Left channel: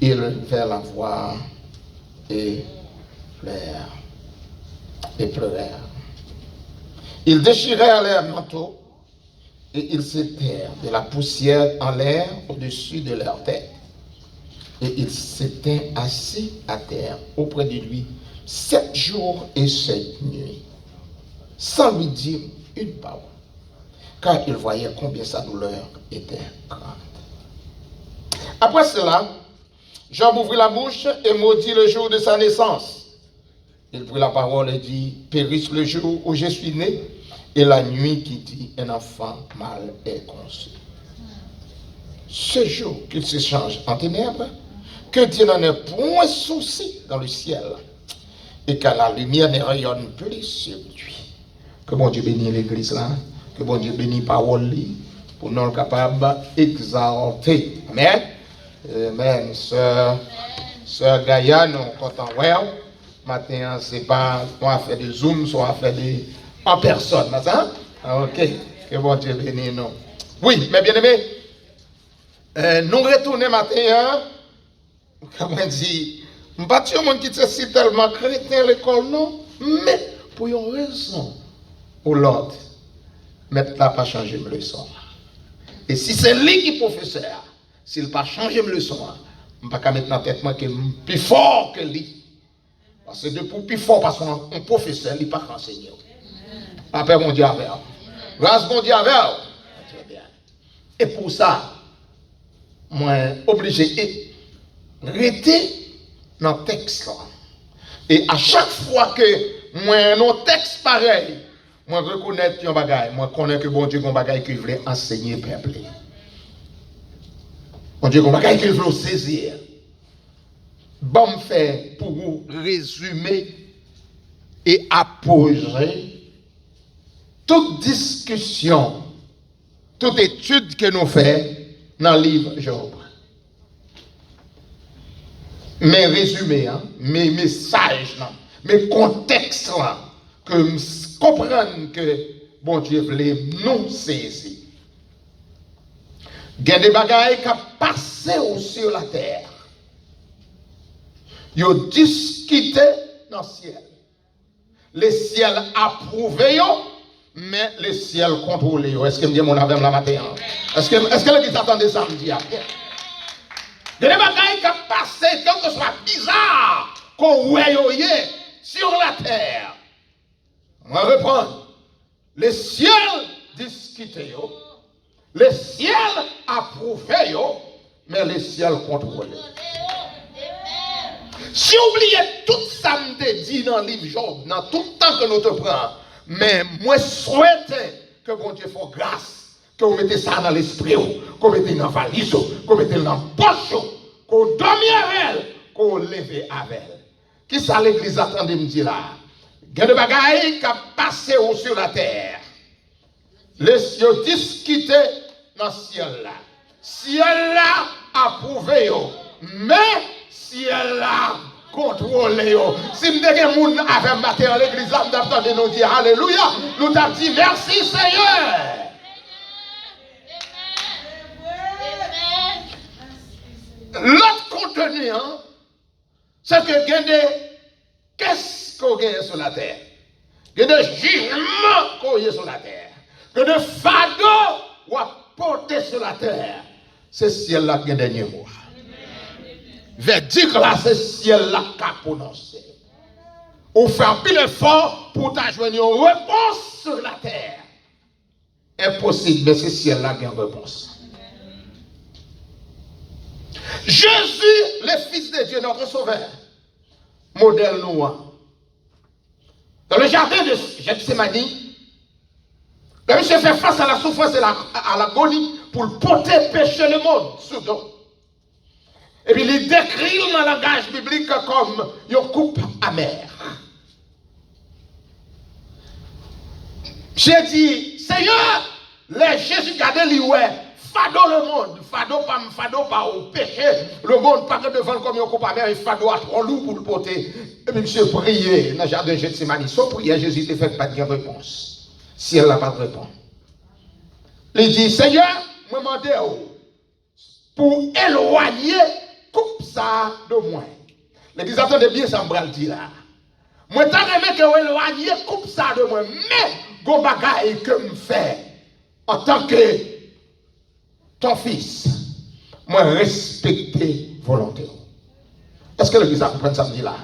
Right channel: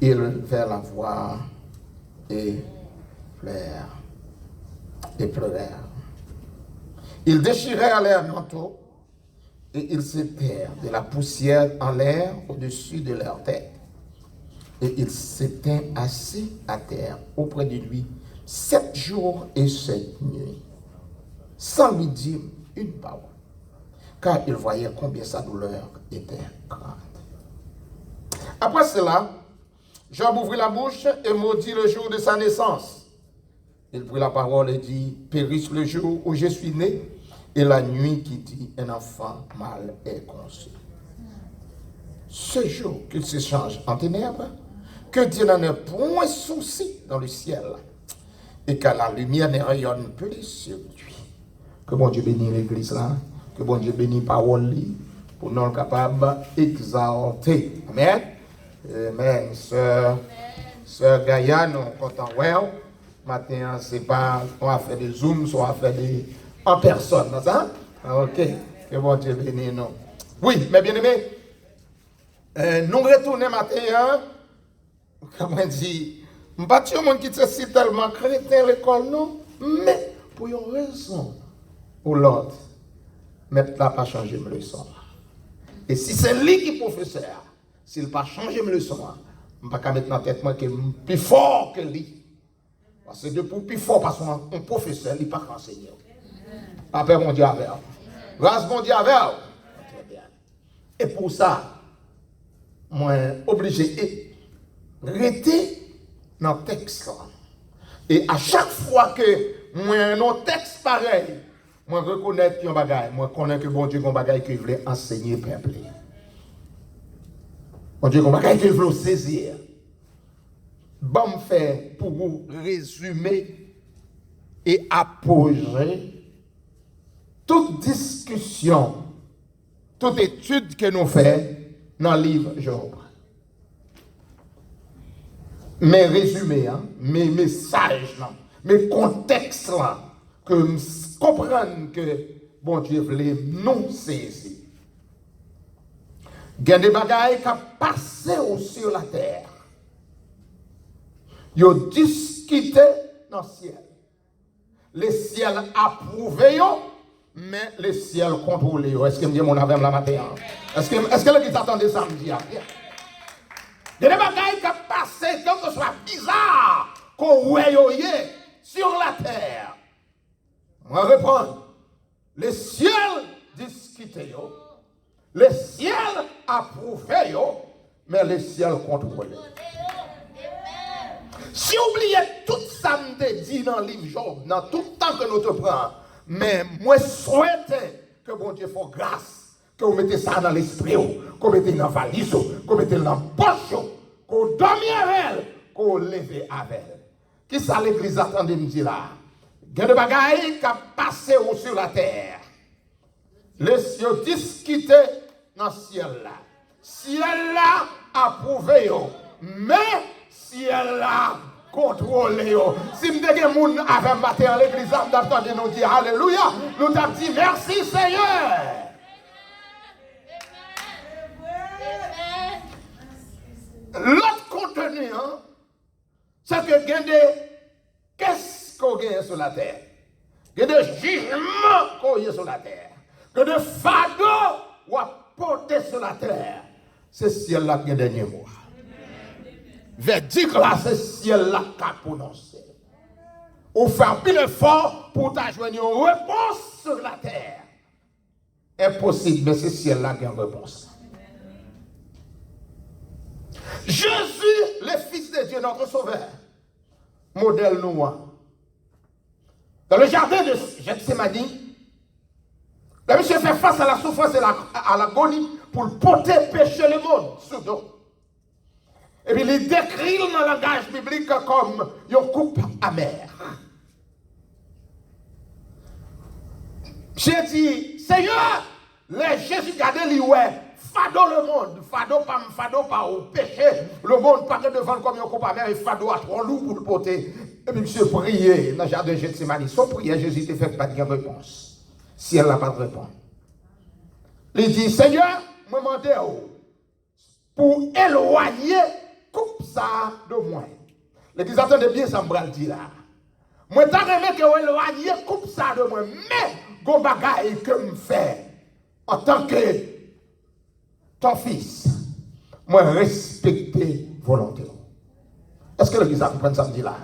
Ils vinrent la voir et pleurèrent. Ils déchirèrent leurs manteaux et ils s'étèrent de la poussière en l'air au-dessus de leur tête. Et ils s'étaient assis à terre auprès de lui 7 jours et 7 nuits, sans lui dire une parole, car ils voyaient combien sa douleur était grande. Après cela, Job ouvrit la bouche et maudit le jour de sa naissance. Il prit la parole et dit, périsse le jour où je suis né, et la nuit qui dit, un enfant mâle est conçu. Ce jour qu'il s'échange en ténèbres, que Dieu n'en ait point souci dans le ciel, et que la lumière ne rayonne plus sur lui. Que bon Dieu bénisse l'église là, que bon Dieu bénisse la parole pour nous capables d'exalter. Amen. Amen. Sœur Gaïa, nous comptons well. Maintenant, c'est pas on fait des Zoom, soit on fait des en personne. Ça? Ok. Que bon Dieu bénisse nous. Oui, mais bien aimé, nous retournons matin. Comment dire, je ne sais pas si c'est tellement chrétien l'école, non, mais pour une raison ou l'autre, mettre là pas changer mes leçons. Et si c'est lui qui est professeur, s'il n'a pas changé mes leçons, je ne peux pas mettre dans la tête que je suis plus fort que lui. Parce que depuis plus fort, parce qu'un professeur, il n'est pas enseigné. Après, mon Dieu avec vous. Grâce, mon Dieu avec vous. Très bien. Et pour ça, moi, obligé rester dans le texte là. Et à chaque fois que moi dans texte pareil, moi reconnais un bagage, moi connais que bon Dieu un bagage qu'il voulait enseigner peuple. Bon Dieu un bagage qu'il voulait saisir. Bon fait pour vous résumer et apposer toute discussion, toute étude que nous faisons dans le livre Job. Mes résumés, mes messages, mes contextes, que nous comprenons que bon Dieu voulait nous saisir. Il y a des bagailles qui passent sur la terre. Ils ont discuté dans le ciel. Le ciel approuvé, mais le ciel contrôlé. Est-ce que je dis mon âme la matin? Est-ce que l'église attendait ça me dit? Il y a des bagailles qui passent, tant que ce soit bizarre, qu'on voit sur la terre. On va reprendre. Le ciel discuté, le ciel approuvé, mais le ciel contrôlé. Si vous oubliez tout ça, me dit dans le livre Job, dans tout le temps que nous te prenons, mais moi souhaite que bon Dieu fasse grâce, que vous mettez ça dans l'esprit, que vous mettez dans la valise, que vous mettez dans la poche, que vous dormiez avec elle, que vous levez avec elle. Qui ça l'église attend de me dire là? Il y a des bagailles qui passent sur la terre. Les cieux discutent dans le ciel là. Ciel là approuvé, mais ciel là contrôlé. Si nous avons des gens avec matin en l'église, nous avons nous dire Alléluia. Nous avons dit merci Seigneur. L'autre contenu, c'est que qu'est-ce qu'on gagne sur la terre? Il y a des jugements qu'on gagne sur la terre. Que des fardeaux qu'on porter sur la terre. C'est ciel-là qui est dernier mot. Verdict là, c'est ciel-là qui a prononcé. On fait un pile effort pour t'ajouter une réponse sur la terre. Impossible, mais c'est ciel-là qui a une réponse. Jésus, le Fils de Dieu, notre Sauveur, modèle noir. Dans le jardin de Gethsémane, le monsieur fait face à la souffrance et à l'agonie pour porter péché le monde sur dos. Et puis il décrit dans le langage biblique comme une coupe amère. J'ai dit, Seigneur, les Jésus gardent lui, ouais. Fado le monde, fado pas au péché, le monde pas devant comme un coupe amère et fado à trop lourd pour le porter. Et puis monsieur prier dans le jardin de Gethsémane, son prière, Jésus ne fait pas de réponse. Si elle n'a pas de réponse. Il dit, Seigneur, me demandez pour éloigner coupe ça de moi. L'église, attendez bien, ça me dit là. Moi, t'as aimé que vous éloignez coupe ça de moi, mais go bagaille que me fait en tant que ton fils, moi respecter volonté. Est-ce que l'église comprend ça me dit là?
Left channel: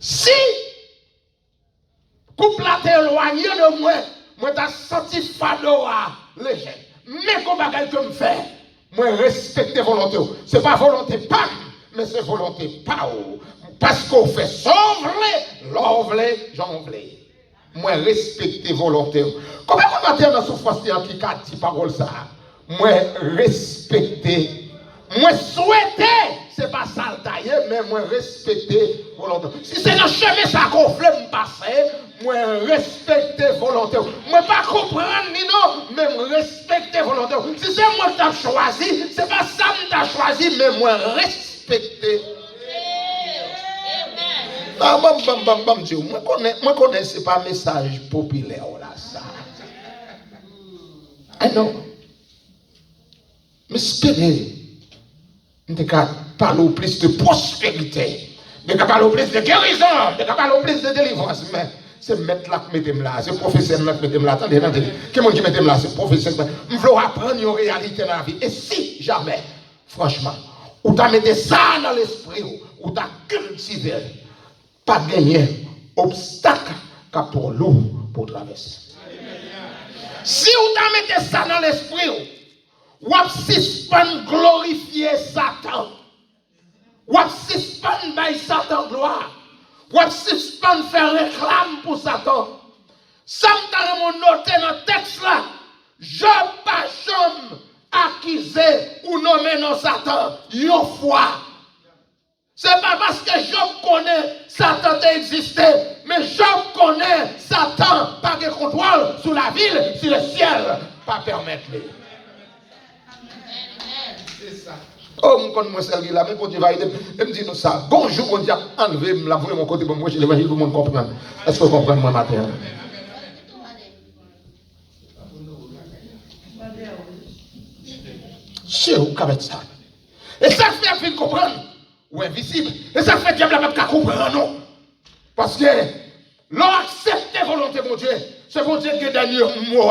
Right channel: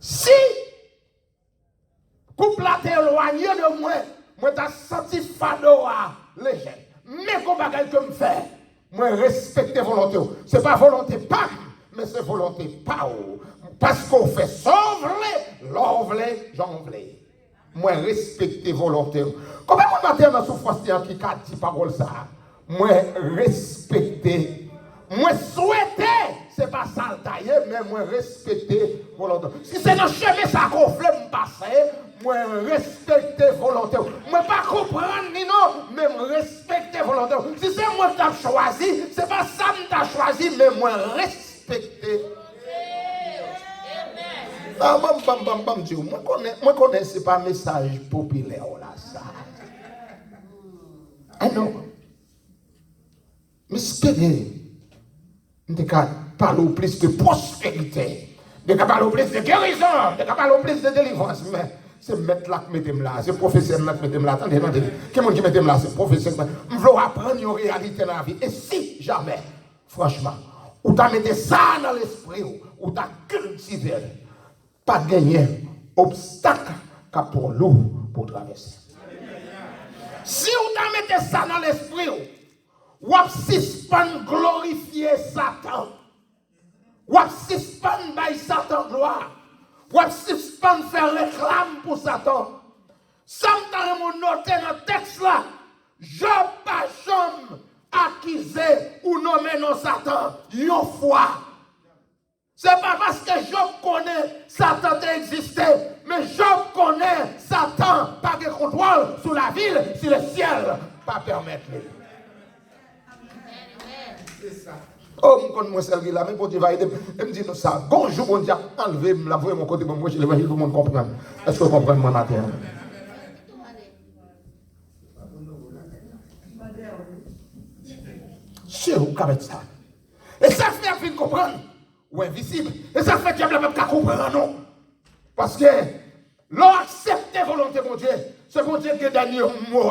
Si couple là t'es éloigné de moi, moi t'as senti fado à léger. Mais go bagaille que me fait, moi respecter volonté. C'est pas volonté pas, mais c'est volonté pas. Parce qu'on fait sauver, l'envelé, j'envelé. Moi, respecter volonté. Comment on a dit dans la souffrance qui a dit parole ça? Moi, respecter. Moi, souhaiter, c'est pas ça le tailler, mais moi, respecter volonté. Si c'est dans le chemin ça qu'on fait me passer, moi, respecter volonté. Moi, pas comprendre ni non, mais respecter volonté. Si c'est moi qui t'ai choisi, c'est pas ça que t'as choisi, mais moi, respecter. Ah, moi connais c'est pas un message populaire là ça. Ah non. Mais espérez, on peut parler plus de prospérité, on peut parler plus de guérison, on peut parler plus de délivrance, mais c'est mettre là qui mettez là, c'est professeur qui mettez là. Attendez, quel monde qui mettez là, c'est professeur. On veut apprendre une réalité dans la vie. Et si jamais, franchement, ou t'as mis ça dans l'esprit, ou t'as cultivé, pas gagner obstacle pour l'eau pour traverser. Si vous mettez ça dans l'esprit, vous suspend glorifier Satan. Vous suspend by Satan gloire. Vous suspend faire réclame pour Satan. Ça me noté dans le texte là. Je pas jamais accusé ou nommé non Satan. Une fois. C'est pas parce que Job connaît Satan existé, mais Job connaît Satan pas de contrôle sur la ville, si le ciel pas permettre. C'est ça. Oh, je connais moi celle là, mais pour Dieu va aider. Il me dit nous ça. Bonjour, bon Dieu, enlever, me l'avouer mon côté pour moi, je l'ai pour moi comprendre. Est-ce que vous comprenez moi matin? C'est où qu'avec ça? Et ça fait qu'il comprendre. Ou invisible. Et ça fait qu'il n'y a pas de comprendre, non. Parce que l'on accepte la volonté de Dieu. C'est pour Dieu que dernier mot.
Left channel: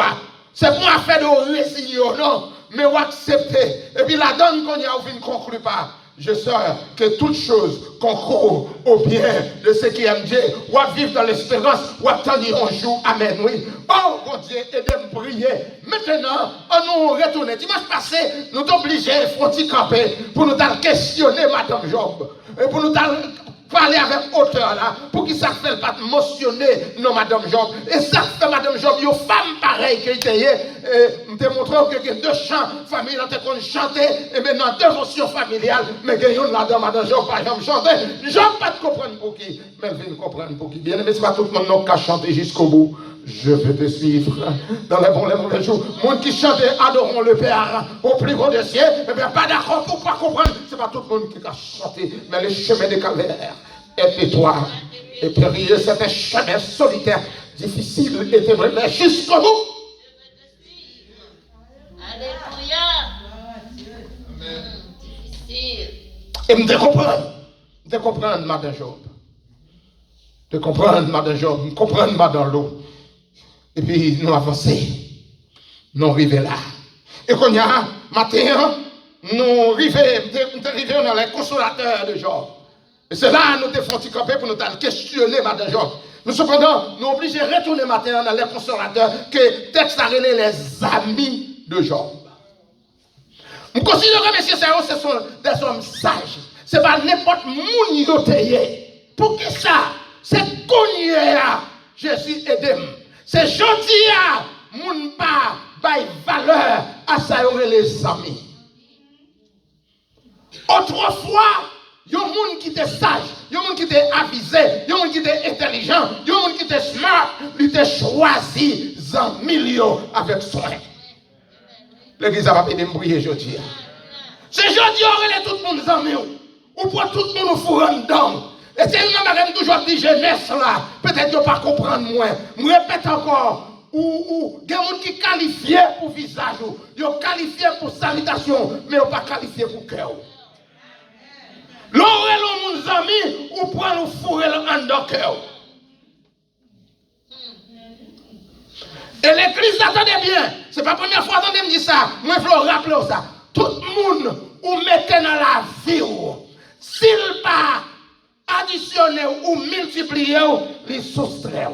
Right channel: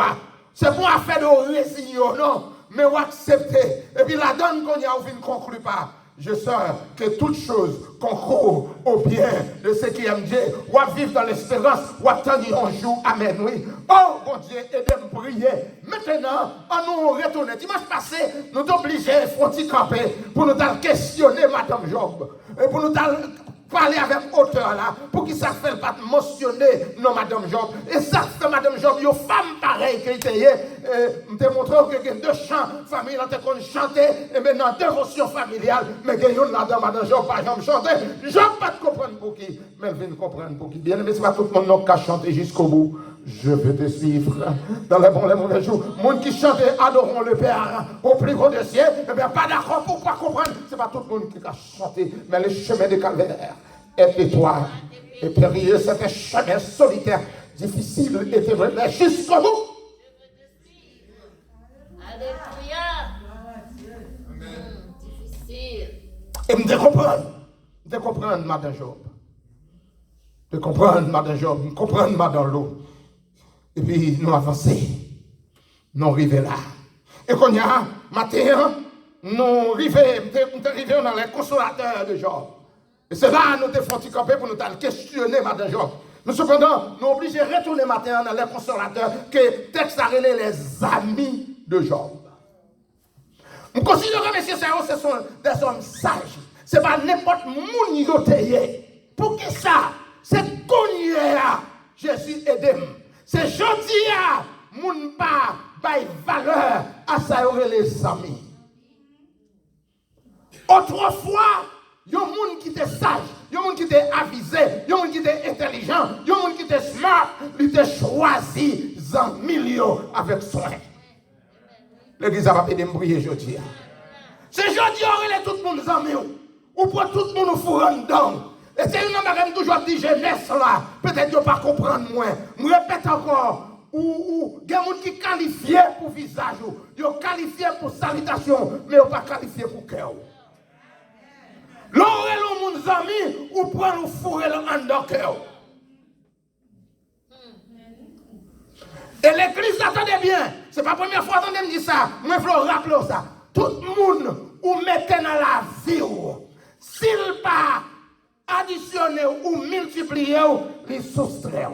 C'est pour affaire de résigner, non. Mais on accepte. Et puis la donne qu'on y a, on ne conclut pas. Je sais que toutes choses concourent au bien de ceux qui aiment Dieu. On va vivre dans l'espérance. On va attendre un jour. Amen. Oui. Oh, mon Dieu, aidez-moi à prier. Maintenant, on nous retourne. Dimanche passé, nous sommes obligés de camper pour nous questionner Madame Job. Et pour nous parler avec hauteur là. Pour qu'il ça fait pas mentionner non Madame Job. Et ça fait Madame Job, une femme pareille qui était. Nous te montrons que deux chants familiales ont chanté. Et maintenant, dévotion familiale. Mais il y a là dans Madame Job, pas jamais chanté. Job pas de comprendre pour qui. Mais elle vient comprendre pour qui. Bien aimé, c'est pas tout le monde qui a chanté jusqu'au bout. Je vais te suivre dans les bons, les mauvais jours. Monde qui chante, adorons le Père au plus grand des cieux. Eh bien, pas d'accord pour pas comprendre. C'est pas tout le monde qui a chanté, mais le chemin des calvaires est étroit et périlleux. C'est un chemin solitaire, difficile et ténébreux, mais jusqu'au bout. Alléluia. Difficile. Et me comprendre, Madame Job. De comprendre, Madame Job, de comprendre, Madame l'eau. Et puis, nous avançons. Nous arrivons là. Et quand il y a matin, nous arrivons dans les consolateurs de Job. Et c'est là que nous devons camper pour nous questionner Madame Job. Nous cependant, nous obligés de retourner matin dans les consolateurs que texte a relé les amis de Job. Nous considérons que messieurs, ce sont des hommes sages. Ce n'est pas n'importe qui est. Pour qui ça? C'est qu'on je suis aidé. C'est gentil à moun pas bail valeur à ça les amis. Autrefois, il y a un monde qui était sage, il y a un monde qui était avisé, il y a un monde qui était intelligent, il y a un monde qui était smart, il était choisi en millions avec soin. L'église a pas pu prier aujourd'hui. C'est aujourd'hui on est tout le monde en mieux. Ou pour tout le monde au four en dedans. Et c'est une madame toujours dit jeunesse là. Peut-être que pas comprendre moins. Je répète encore. Ou il y a des gens qui qualifié pour visage. Ils sont qualifiés pour salutation. Mais ils ne sont pas qualifiés pour cœur. amis ou prend nous fourrer en dans cœur. Et l'église, attendez bien, c'est pas la première fois que je dis ça, moi je veux rappeler ça. Tout le monde ou mettez dans la vie, s'il pas additionné ou multiplié, il soustrait.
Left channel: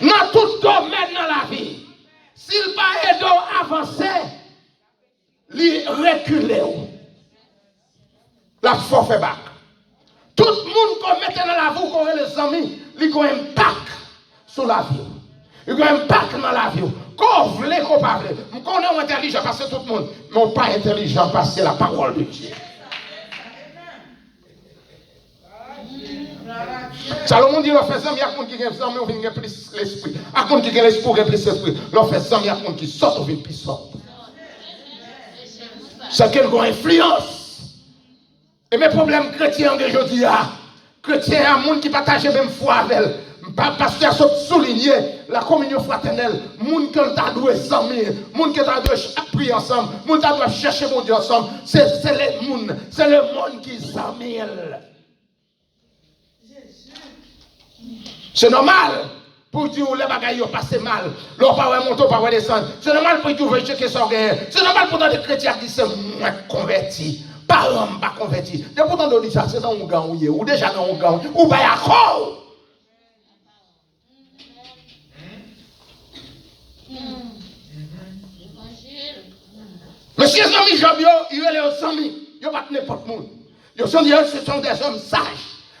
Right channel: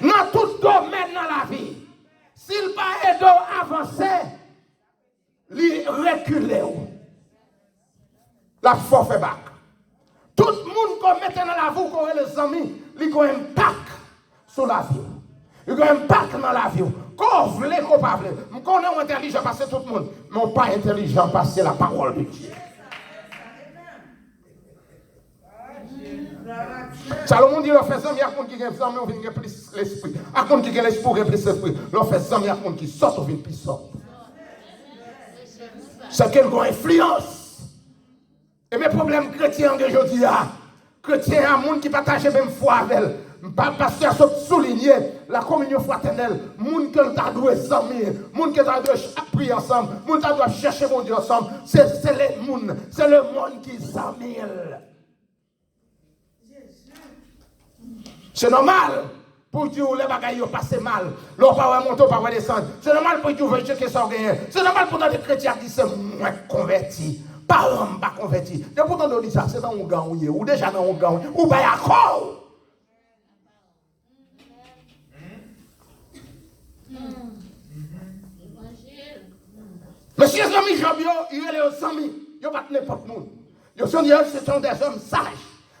Dans tout domaine dans la vie, s'il pas aidé à avancer, il recule. La force fait bac. Tout le monde qu'on mette dans la vie, qu'on les amis, il a un impact sur la vie. Il a un impact dans la vie. Qu'on veut, qu'on pas veut. Je connais intelligent parce que tout le monde, mais pas intelligent parce que c'est la parole de Dieu. Salomon dit, l'on fait ça, mais il y a qui a ça, mais on vient plus l'esprit. À comme qui a l'esprit, on vient plus l'esprit. L'on fait ça, mais il y a qui sort, on vient plus sort. C'est qu'elle a une influence. Et mes problèmes chrétiens aujourd'hui, chrétiens, il y a un monde qui partage la même foi avec elle. Parce qu'il y a souligné la communion fraternelle, monde que t'a doué s'amis, monde que t'a doué prier ensemble, monde t'a doué chercher mon Dieu ensemble, c'est le monde qui s'amène. C'est normal pour dire les bagailles ont passé mal, l'on pas monter, pas descendre. C'est normal pour dire checker son gain. C'est normal pour des chrétiens qui sont convertis. Pas convertis. Et pourtant on dit ça, c'est dans un gang ou déjà dans un gang ou bien encore. Mais si les amis Job, ils sont les amis, ils ne sont pas n'importe monde. Ils sont des hommes sages.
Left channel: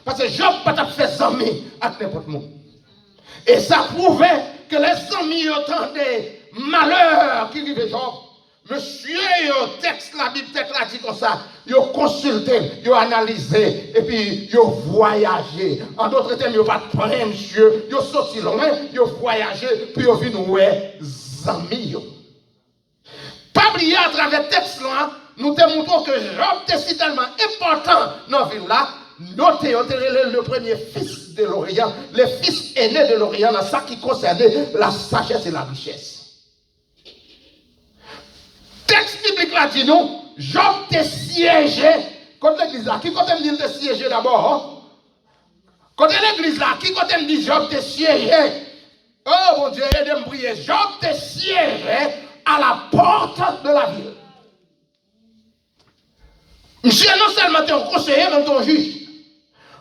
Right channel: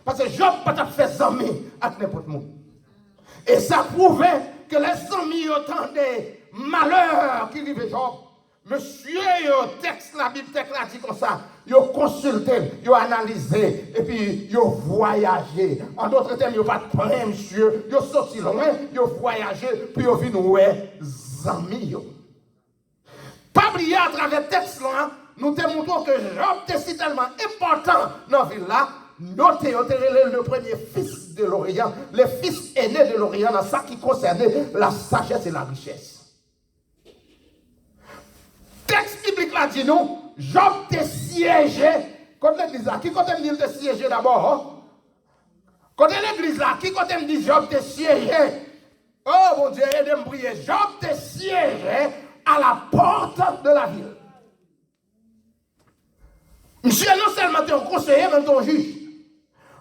Parce que Job n'a pas fait amis avec n'importe monde. Et ça prouvait que les amis ont des malheurs qui arrivent Job. Monsieur, le texte, la Bible texte là dit comme ça, ils ont consulté, ils ont analysé, et puis ils ont voyagé. En d'autres termes, ils n'ont pas pris monsieur, ils ont sorti loin, ils ont voyagé, puis ils ont vu nous amis. Pas oublier à travers le texte là, nous te montrons que Job était tellement important dans la ville là. Notez, le premier fils de l'Orient, le fils aîné de l'Orient, dans ça qui concernait la sagesse et la richesse. Texte biblique là dit nous, Job te siégé, contre l'église là, qui compte me dire te siégé d'abord? Contre l'église là, qui compte me dire Job te siégé? Oh mon Dieu, aidez-moi prier. Job te siégé à la porte de la ville. Monsieur non seulement ton conseiller, mais ton juge.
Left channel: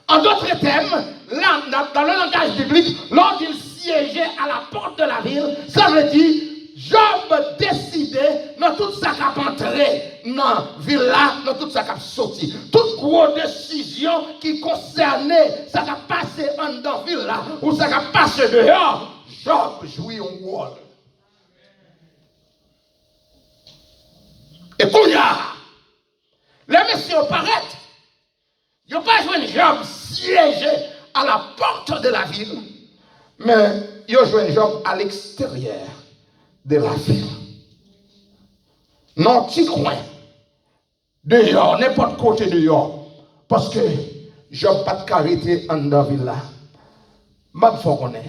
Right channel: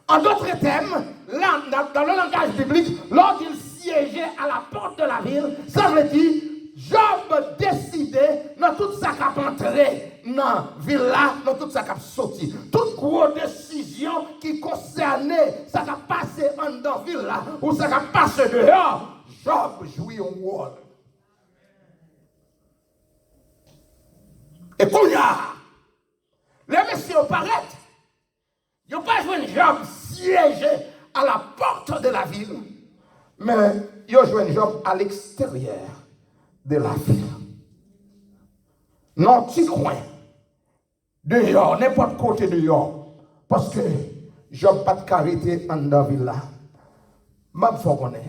En d'autres termes, là, dans le langage biblique, lorsqu'il siégeait à la porte de la ville, ça veut dire Job décidait dans toute sa cap entrée dans la ville là, dans toute sa cap sorti. Toute grosse décision qui concernait ça qui passé en dans la ville là, ou ça qui passé dehors, Job jouait un rôle. Et qu'on y a, les messieurs paraissent, ils n'ont pas joué Job siégé à la porte de la ville, mais ils ont joué Job à l'extérieur de la ville. Non, petit coin, dehors, n'importe côté dehors, parce que Job pas de carité en dans la ville là. Je faut qu'on ait.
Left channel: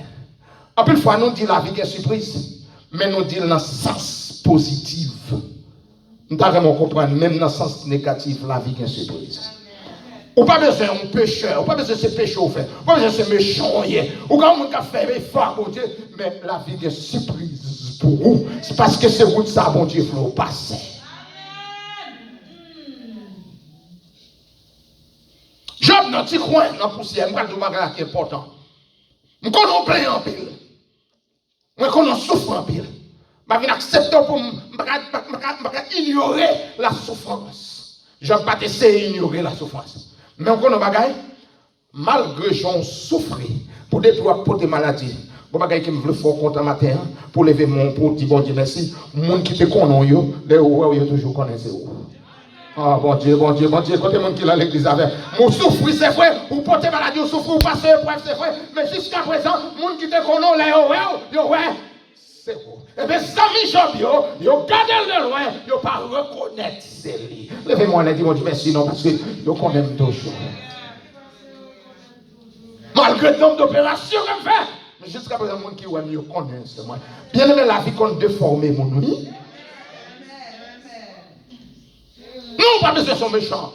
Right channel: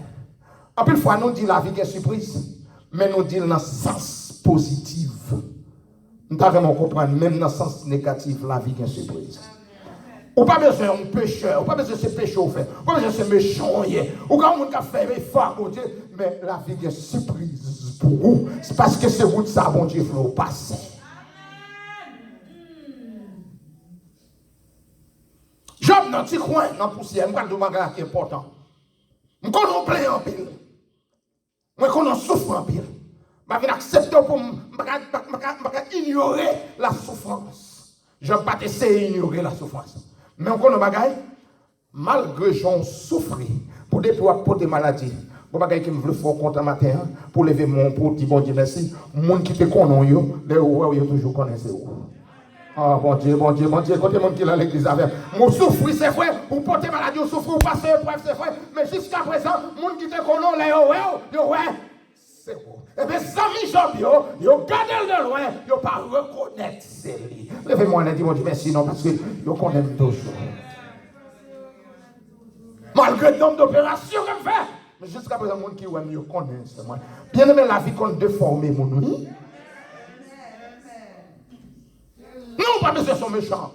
En plus, fois, nous dit la vie qui est surprise, mais nous dit dans le sens positif. Nous devons comprendre, même dans le sens négatif, la vie qui est surprise. Ou pas besoin de pécheur, ou pas besoin de ce péché au fait, ou pas besoin de ce méchant, ou quand on a fait effort pour Dieu, mais la vie est surprise pour vous. C'est parce que c'est vous de ça, bon Dieu, vous passer. Job dans petit coin, dans la poussière, je vais vous dire qui est important. Je connais plein en pile. Je connais souffre en pile. Je vais accepter pour ignorer la souffrance. Je ne vais pas essayer d'ignorer la souffrance. Mais on connaît bagaille, malgré j'en souffre pour des maladies. Bon bagaille qui me veut faire compte matin pour lever mon pour dire bon Dieu merci. Monde qui te connaît yo, les ouais toujours connaissez où. Ah bon Dieu, côté monde qui là l'église avec. Mon souffre c'est vrai, ou porter maladie, ou souffre ou passer épreuve c'est vrai, mais jusqu'à présent, monde qui te connaît là yo ouais. C'est bon. Et bien, Sami Job, yo gardez de loin, yo pas reconnaître c'est lui. Levez-moi et dis bon Dieu merci non parce que yo connaît toujours. Malgré le nombre d'opérations qu'on fait, mais jusqu'à présent, les gens qui yo connaissent moi. Bien aimé la vie qu'on déforme mon oui. Non, pas besoin de son méchant.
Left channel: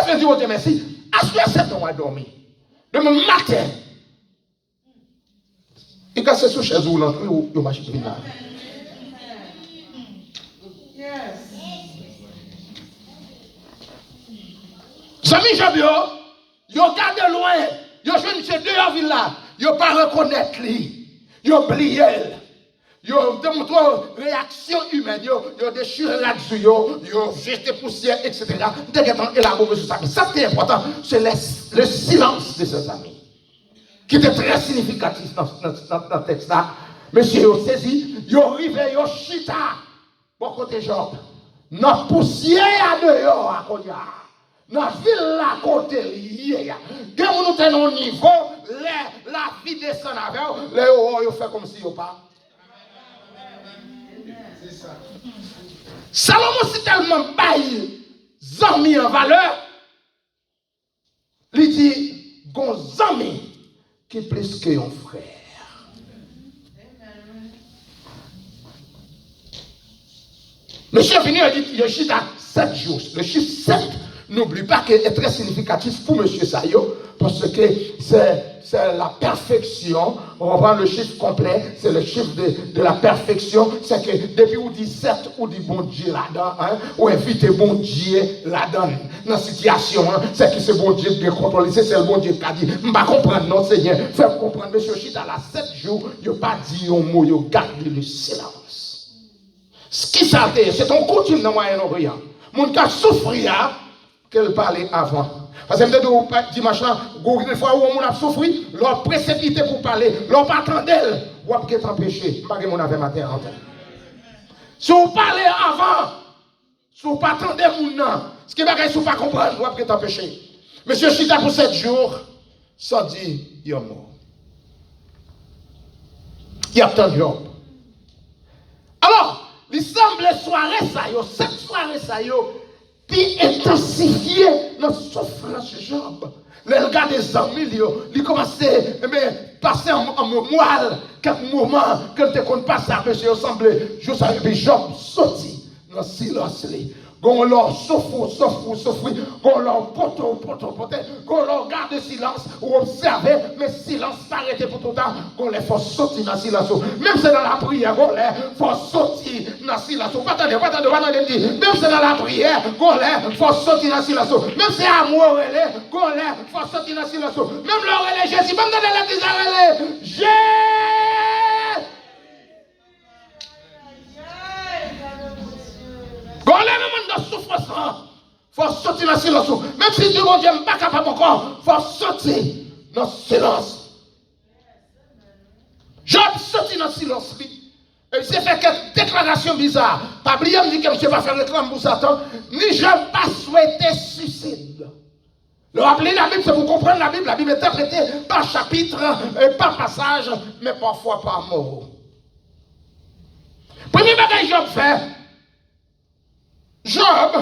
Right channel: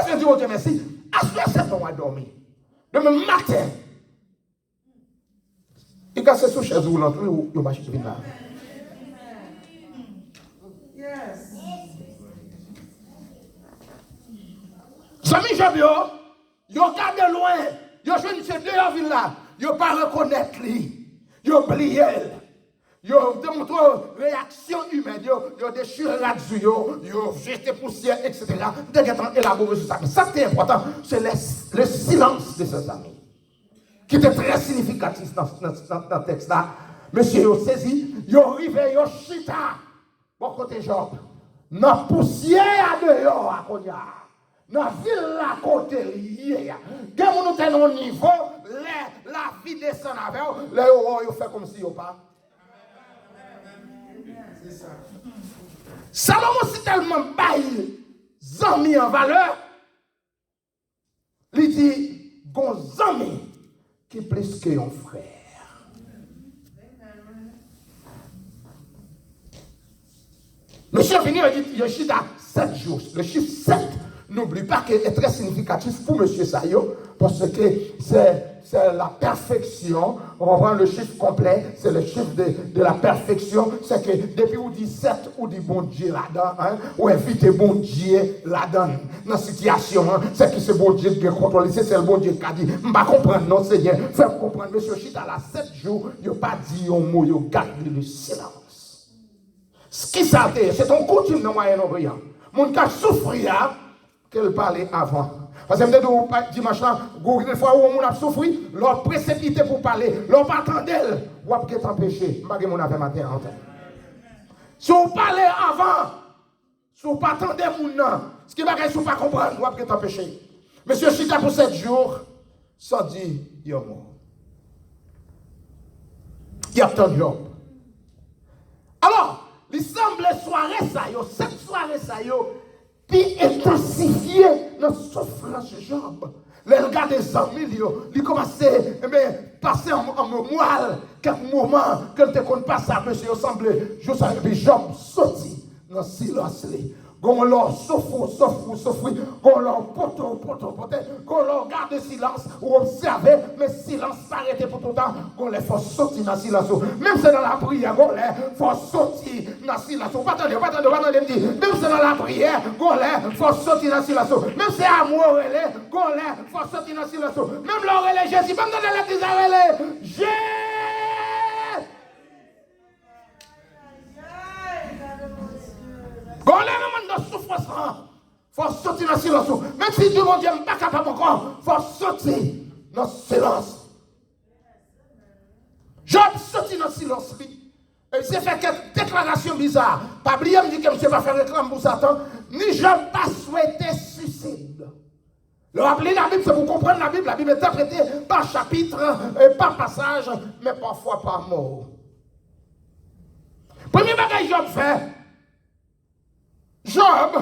est-ce que Dieu Dieu merci? À ce 7 ans à dormir. Demain matin. Il casse sous chaise ou l'entrée ou il marche bien. Zami Job yo gardé loin. Yo jeune monsieur dehors ville là. Yo pas reconnaître lui. Yo oublié. Yo démontré réaction humaine. Yo déchiré là-dessus. Yo jeté poussière, etc. Dès qu'il est élaboré sur ça. Mais ça qui est important, c'est le silence de ses amis. Qui était très significatif dans le texte là. Monsieur yo saisi, yo rivé, yo chita. Bon côté Job. Dans poussière à dehors à Konya. Dans la ville là côté lié. Quand nous sommes au niveau, la vie descend avec vous, les yo fait comme si yo pas. C'est ça. Salomon si tellement bail zami en valeur. Il dit gon zami qui est plus que un frère. Monsieur venu a dit il chita 7 jours. Le chiffre 7 n'oublie pas qu'il est très significatif pour M. Sayo, parce que c'est la perfection. On va prendre le chiffre complet, c'est le chiffre de la perfection. C'est que depuis vous dites 7, vous dites bon Dieu là-dedans, hein, ou invitez bon Dieu là-dedans. Dans la situation, hein, c'est que c'est bon Dieu qui contrôle, c'est le bon Dieu qui a dit. Je ne vais pas comprendre, non, Seigneur. Faites comprendre, M. Chita, là, 7 jours, il n'a pas dit un mot, il garde le silence. Ce qui s'altère, c'est ton coutume dans le Moyen-Orient. Mon cas souffrir, qu'elle parlait avant. Parce que je dimanche là, une fois où on a souffert, leur précipité pour parler, leur pas attendre, ou à peut-être empêcher. Je ne sais pas si matin en tête. Si vous parlez avant, si vous pas attendez mon nom, ce qui va si vous pas comprendre, ou à peut-être empêcher. Monsieur Chita pour 7 jours, ça dit, il est mort. Il y a tant de gens. Alors, il semble soirée ça, cette soirée ça, puis intensifier notre souffrance de Job. Le gars des amis, il commençait à passer en mémoire quelques moments, quand tu ne connais pas ça, monsieur, il semble, Job sorti dans le silence. Qu'on leur souffre, qu'on leur pote, qu'on leur garde silence, ou observer, mais silence s'arrêter pour tout le temps, qu'on les faut sortir dans le silence. Même si c'est dans la prière, qu'on les faut sortir dans le silence. Pas attendez, même si c'est dans la prière, qu'on les faut sortir dans le silence. Même si c'est amour, qu'on les faut sortir dans le silence. Même leur Jésus, même dans l'église, Jésus. Quand les gens de souffrance, il faut sortir dans le silence. Même si Dieu mon Dieu n'est pas capable encore, il faut sortir dans le silence. Job sorti dans le silence. Et il s'est fait quelques déclarations bizarres. Pas oublier me dit que monsieur va faire réclame pour Satan. Ni Job pas souhaité suicide. Le rappeler la Bible, c'est pour comprendre la Bible. La Bible est interprétée par chapitre, par passage, mais parfois par mot. Premier bagage Job fait. Job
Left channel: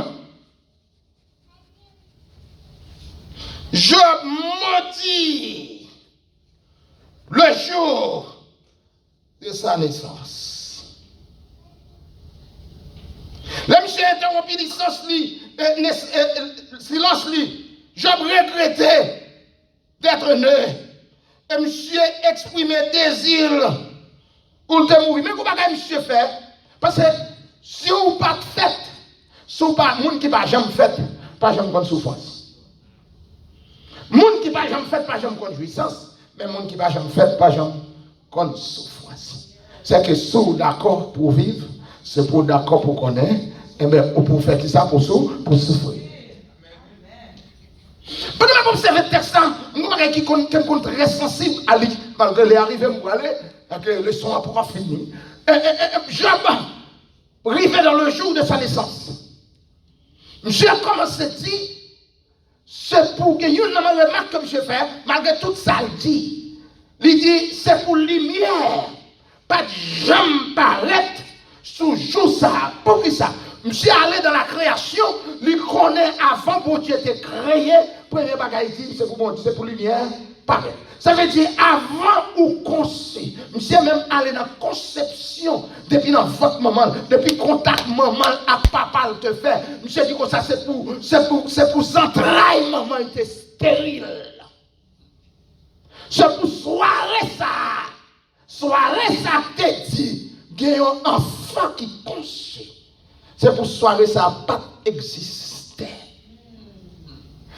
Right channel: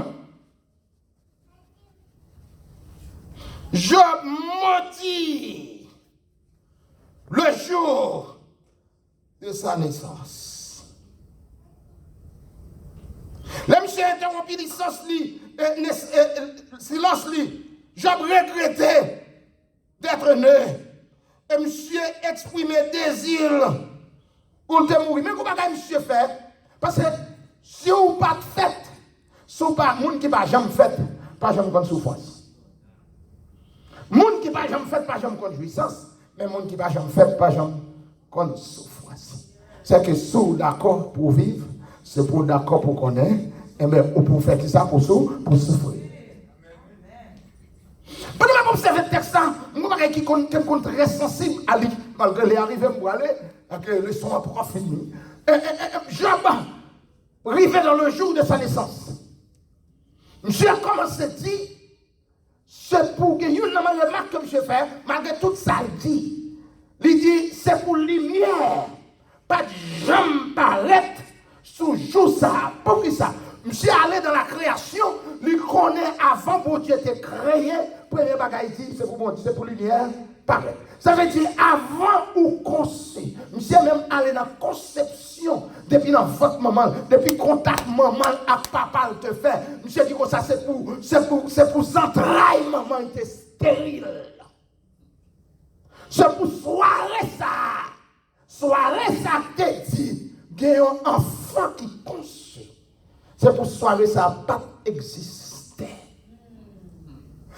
maudit le jour de sa naissance. Le monsieur interrompu silence lui. Job regrettait d'être né. Et monsieur exprimait désir pour te mourir. Mais comment monsieur fait? Parce que si vous pas fait, si vous pas monde qui pas jamais fait, pas jamais comme souffrance. Monde qui pas jamais fait, pas jamais comme jouissance, mais monde qui pas jamais fait, pas jamais comme souffrance. C'est que si vous d'accord pour vivre, c'est pour d'accord pour connaître, et bien pour faire ça pour souffrir. Pendant que vous observez le texte, nous qui sont très sensibles à lui, malgré les arrivées, pour aller, avec le son pour finir. Job arrivé dans le jour de sa naissance. Monsieur a commencé à dire, c'est pour que une remarque que monsieur fait, malgré tout ça, il dit, c'est pour lumière, pas de jambe palette, sous jour ça. Pour qui ça? Monsieur allé dans la création, il connaît avant que Dieu était créé, premier bagage dit, c'est pour lumière paraître. Ça veut dire avant ou conçu. Monsieur même allé dans la conception depuis dans votre maman, depuis contact maman à papa te fait. Monsieur dit que ça c'est pour entrailles maman était stérile. C'est pour soirée ça. Soirée ça te dit qu'il y a un enfant qui conçu. C'est pour soirée ça pas exister.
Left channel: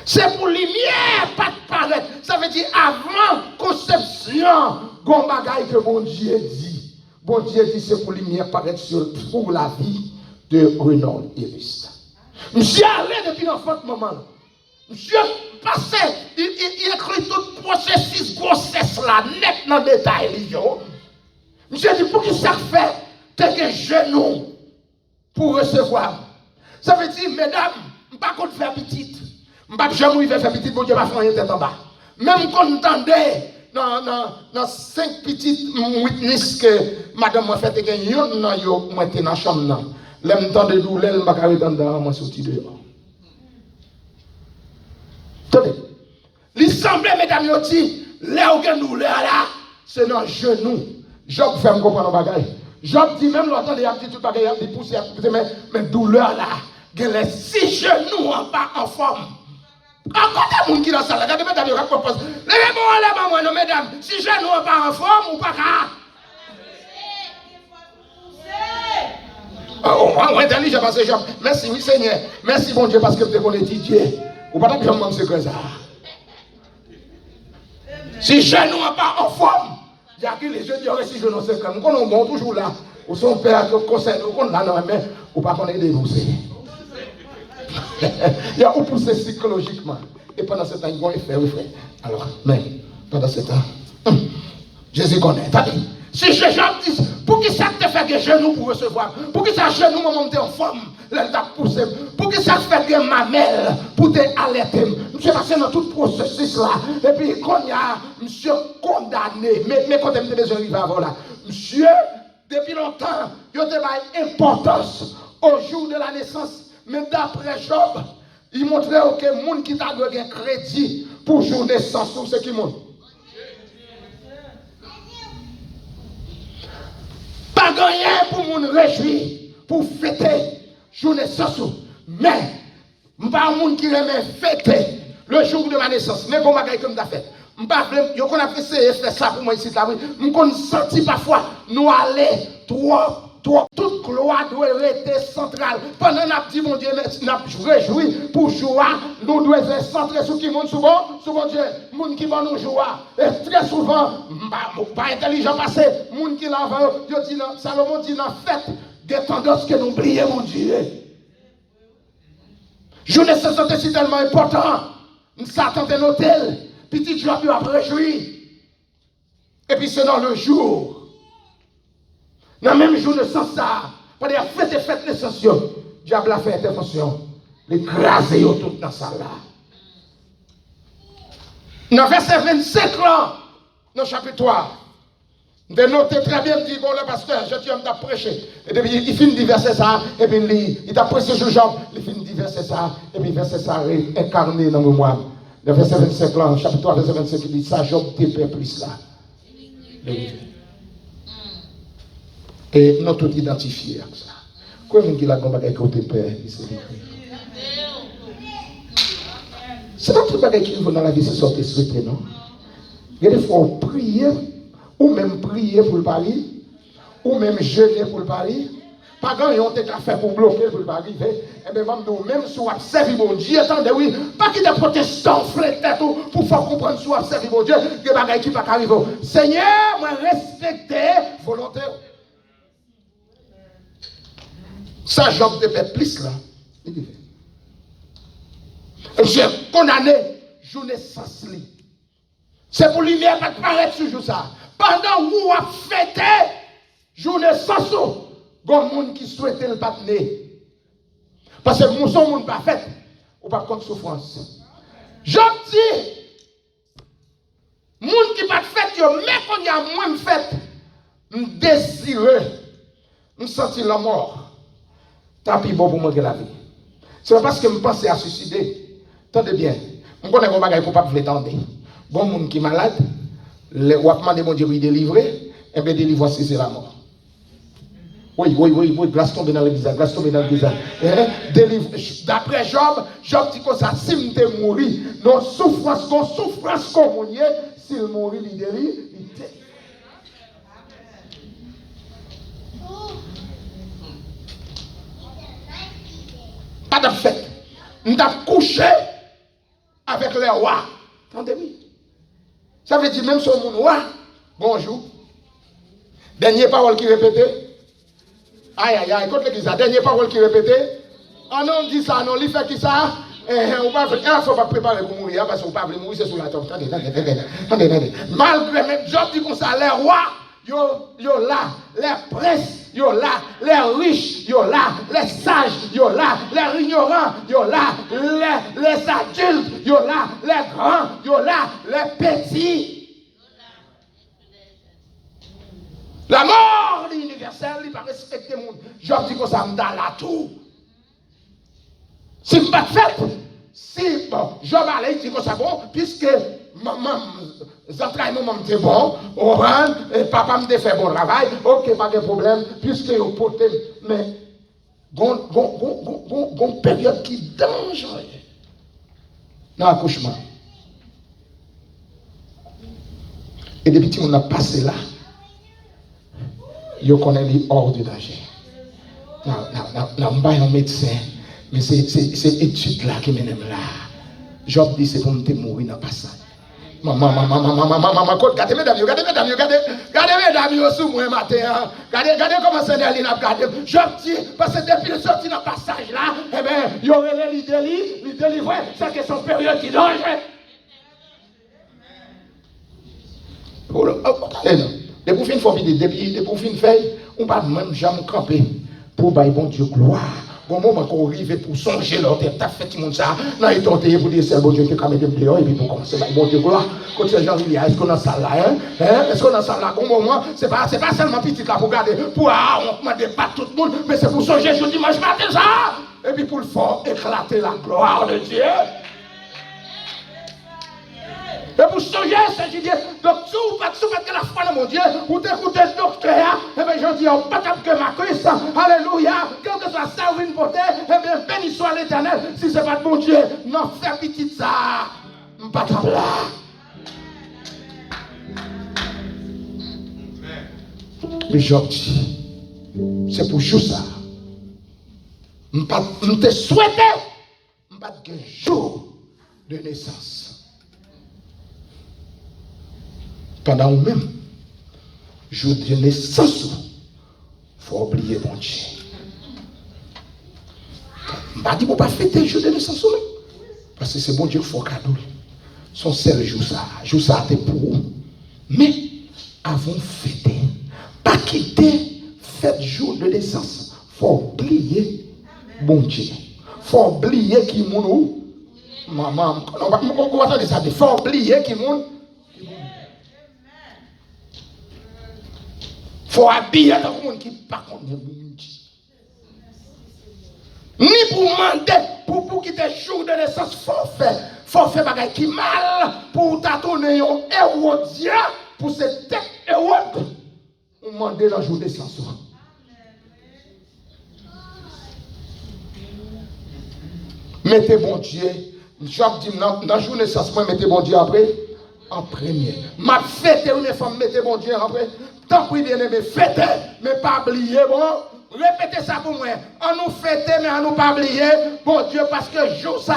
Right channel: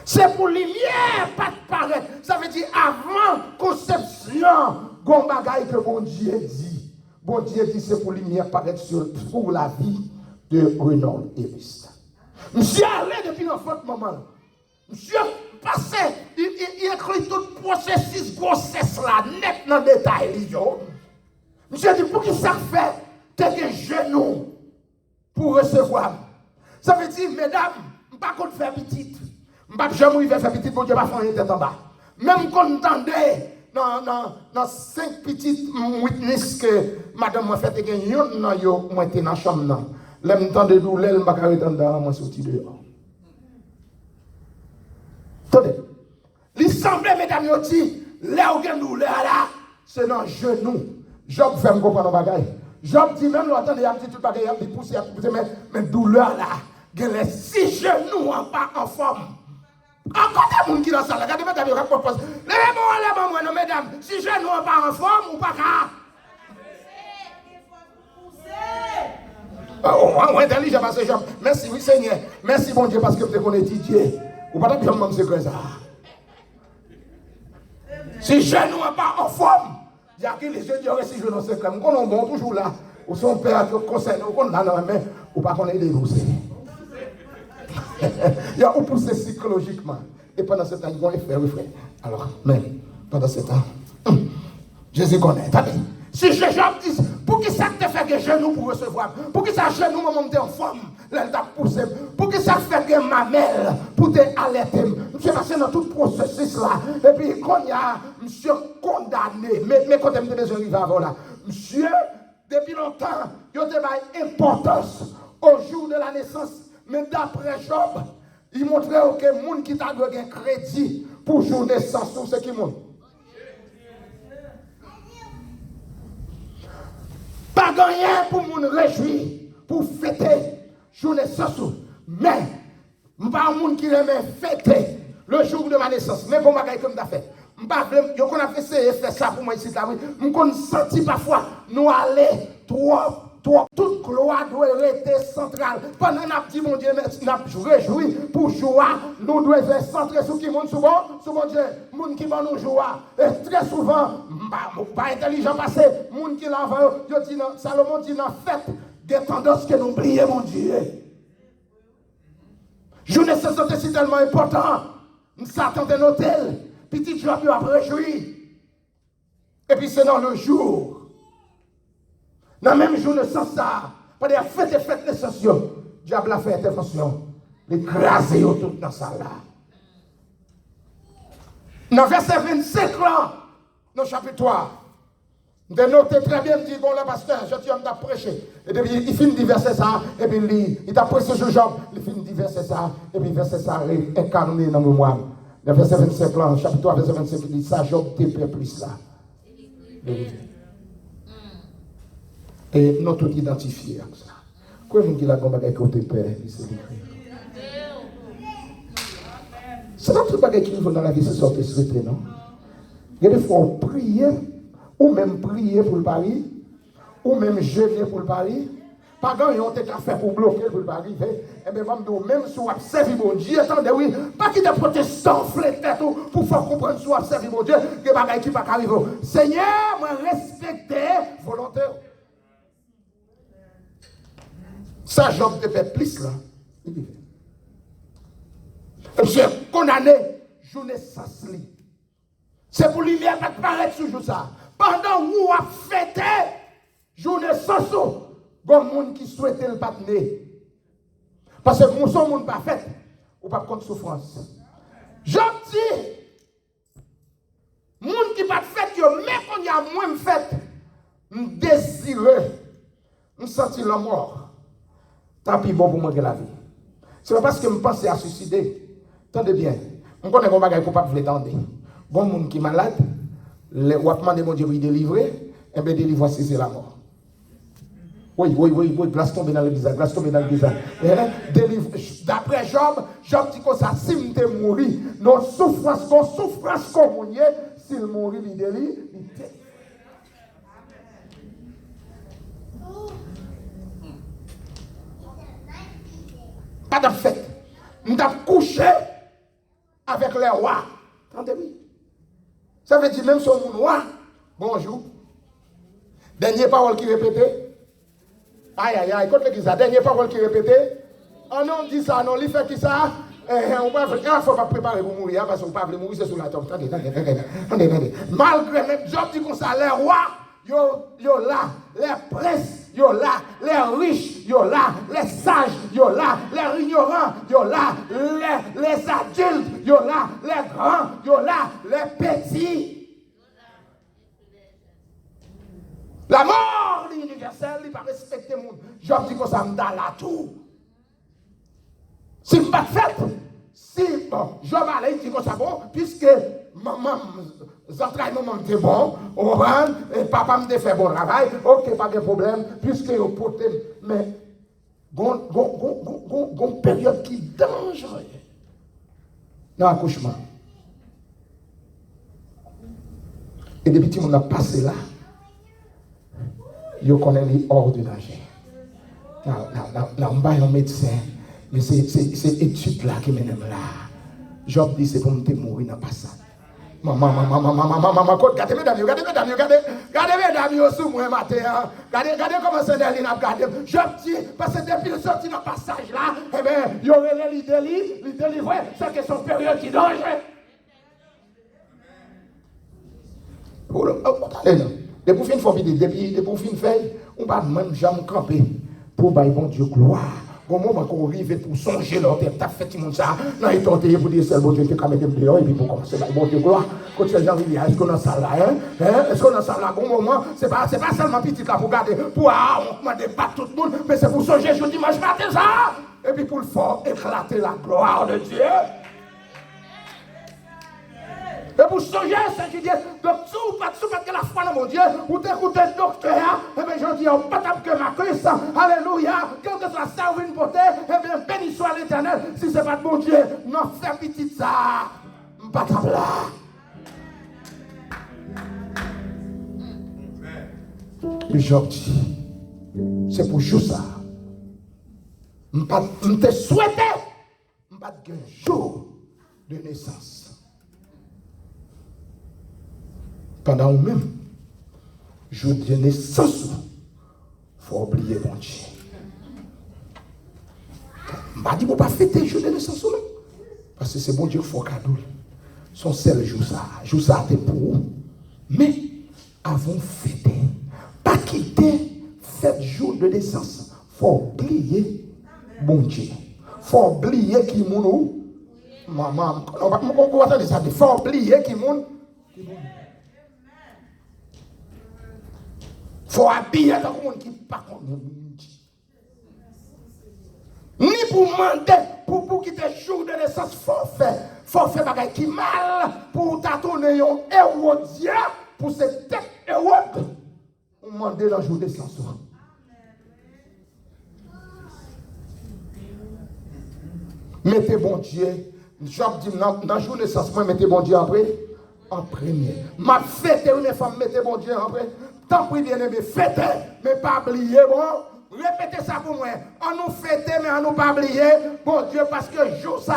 C'est pour lumière, pas de paraître. Ça veut dire avant conception, bon bagaille que bon Dieu dit. Bon Dieu dit c'est pour lumière paraître pour la vie de Renan Evariste. Monsieur allé depuis l'enfant moment. Monsieur passé, il écrit tout le processus grossesse là, net dans le détail. Monsieur dit pour qui ça fait, t'es un genou pour recevoir. Ça veut dire, mesdames, je ne vais pas faire petite. Je ne vais pas faire petite, bon Dieu va faire une tête en bas. Même quand on entendait dans 5 petites witness que madame m'a fait gagner, moi j'étais dans la chambre. L'aime temps de douleur, je ne vais pas attendre, moi sorti dehors. Attendez. Il semblait, mesdames, yo dit, là où il y a une douleur là, c'est dans le genou. Job fait me comprendre le bagage. Job dit même l'autre, il a dit tout le bagage, il a dit pousser, mais douleur là, il y a les 6 genoux en bas en forme. Encore des gens qui dans la salle, regardez, mesdames, ils proposent. Levez-moi, non, mesdames, 6 genoux en bas en forme ou pas qu'à. Oh, intelligent parce que Job. Merci, oui, Seigneur. Merci, bon Dieu, parce que tu connais Dieu. Ou pas besoin de me secret ça. Si genoux en bas en forme. Il y a qui les jeunes qui auraient si je ne sais pas. Nous sommes toujours là. Ou son père qui concerne, ou qu'on a non, mais ou pas qu'on est dénoncé. Il y a ou poussé psychologiquement. Et pendant ce temps, il va faire. Alors, mais pendant ce temps, Jésus connaît. Si je dis, pour qui ça te fait que genou pour recevoir? Pour qui ça genou monter en forme? Là, t'a poussé. Pour qui ça te fait que mamelle pour te alerter? Monsieur passé dans tout le processus là. Et puis, quand il y a monsieur condamné, mais quand il y a besoin d'arriver avant là, monsieur, depuis longtemps, il y a une importance au jour de la naissance. Mais d'après Job, il montrait que les gens qui t'a donné un crédit pour jour de naissance, c'est qui montre. Pas rien pour nous réjouir, pour fêter jour de naissance. Mais, pas un monde qui remet fêter le jour de ma naissance. Mais bon, bagaille comme t'as fait. Je qu'on a fait ça pour moi ici. Je qu'on senti parfois nous aller trop. Toute gloire doit rester centrale. Pendant que nous avons dit, mon Dieu, nous réjouis pour joie, nous devons être centrés sur qui monde souvent, Dieu, monde qui va nous joie. Et très souvent, pas intelligent passé, monde qui l'avant, Salomon dit dans fête, des tendances que nous oublions, mon Dieu. Journée de naissance c'est tellement important. Nous s'attendons à l'hôtel, petit joie peut après réjouir. Et puis c'est dans le jour. Dans le même jour de sens, pendant la fête de naissance, diable a fait intervention. L'écraser tout dans ça là. Dans verset 25 là, dans le chapitre 3, de noter très bien, dit, bon, le pasteur, je suis homme t'a prêché. Et puis il finit de verset ça, et puis il t'a prêché sur Job, il finit de verset ça, et puis verset ça est incarné dans le mémoire. Le verset 25 là, chapitre 3, verset 25, il dit, ça, Job t'est plus là. Et nous tout identifiés comme ça. Comment est-ce qu'il a combattu côté père? C'est pas tout le qui nous dans la vie, c'est sortir souhaiter, non? Il y a des fois on prie, ou même prier pour le pari, ou même jeûner pour le pari. Pas grand chose à faire pour bloquer pour le pari. Et bien, même si on observe mon Dieu, attendez, oui, pas qu'il y ait des protestants tête pour faire comprendre si on observe mon Dieu, que les choses qui ne peuvent pas arriver. Seigneur, moi respecter volontaire. Ça, Job te fait plus là. J'ai condamné journée sans lit. C'est pour lui pas de paraître sur ça. Pendant que vous avez fêté journée sans sou, il y a des gens qui souhaitent le battre. Parce que nous sommes pas fait, ou pas contre souffrance. Job dit, les gens qui ne sont pas fait, mais quand il y a moins de fête, je désire, je sens la mort. Tant pis bon pour moi que la vie. C'est pas parce que je pense à suicider. Attendez bien. Je connais mon bagage pour ne pas vous l'étendre. Bon monde qui est malade, le wapman de mon Dieu pour délivrer, et bien délivrer c'est la mort. Oui, glace tombe dans l'église, glace tombe dans l'église. D'après Job, Job dit comme ça, si je mourir, non souffrance comme s'il mourit, il délivre, il délivre. Pas de fait. Nous avons couché avec les rois. Entendez-vous? Ça veut dire même sur mon roi, bonjour. Dernière parole qui répétait. Aïe, écoute l'église, dernière parole qui répétait. Ah non, on dit ça, non, il fait qui ça? On va faire, il faut pas préparer pour mourir, parce qu'on ne peut pas mourir, c'est sur la tombe. Attendez. Malgré même Job dit comme ça, les rois, yo là, les princes, yo là, les riches, yo là, les sages, yo là, les ignorants, yo là, les adultes, yo là, les grands, yo là, les petits. La mort universelle, il va respecter le monde. Job dit que ça me donne la tout. Si je ne pas fait, si Job allait, il dit que ça bon, puisque maman, maman était bon, et papa me fait bon travail, ok, pas de problème, puisque vous portez, mais une période qui est dangereuse dans l'accouchement. Et depuis que on a passé là, je connais les hors du danger. Non, je ne suis pas un médecin, mais c'est étude là qui mène là. Job dit c'est pour me mourir dans le passage. Maman, regardez mesdames, regardez sous moi matin. Regardez comment c'est d'aller dans le Job dit, parce que depuis le sorti dans le passage là, eh bien, il y aurait les délivrer, c'est que son période qui dange. Depuis une fois, depuis une feuille, on va même jamais camper pour bailler bon Dieu gloire. Au moment qu'on arrive pour songer leur tête, t'as fait tout le monde ça. Là, ils t'ont pour dire c'est bon Dieu qui a mis dehors et puis pour commencer bailler bon Dieu gloire. Quand ces gens disent, est-ce qu'on a ça là, est-ce qu'on a ça là? Au moment, c'est pas seulement petit là pour garder, pour on demande pas tout le monde, mais c'est pour songer je dimanche matin ça. Et puis pour le faire éclater la gloire de Dieu. Et pour songer, c'est Dieu. Donc, sous que la foi de mon Dieu, pour t'écouter le docteur, et bien je dis, pas tant que ma cuisse, alléluia, quand que soit ça ou une beauté, et bien béni soit l'Éternel, si c'est pas de mon Dieu, non, fais petit ça, pas tant là. Mais je dis, c'est pour jouer ça. Je te souhaite, pas de jour de naissance. Pendant ou même, jour de naissance, il faut oublier mon Dieu. Je ne dis pas fêter le jour de naissance, parce que c'est bon Dieu qu'il faut cadeau. Son seul jour ça c'est pour vous. Mais, avant fêter, pas quitter fête jour de naissance. Il faut oublier mon Dieu. Il faut oublier qui mounou. Maman, on va attendre ça. Il faut oublier qui mounou. Il faut habiller dans le monde qui n'est pas comme nous. Ni pour demander, pour quitter le jour de naissance, il faut faire des choses qui mal pour t'attendre un hérodien, pour cette tête hérode. On demande dans le jour de naissance. Mettez bon Dieu. Job dit dans le jour de naissance, mettez bon Dieu après. En premier. Ma fête une femme, mettez bon Dieu après. Tant pis bien aimé, fêtez, mais pas oublier, bon. Répétez ça pour moi. On nous fêter, mais on nous pas oublier. Bon Dieu, parce que jour ça,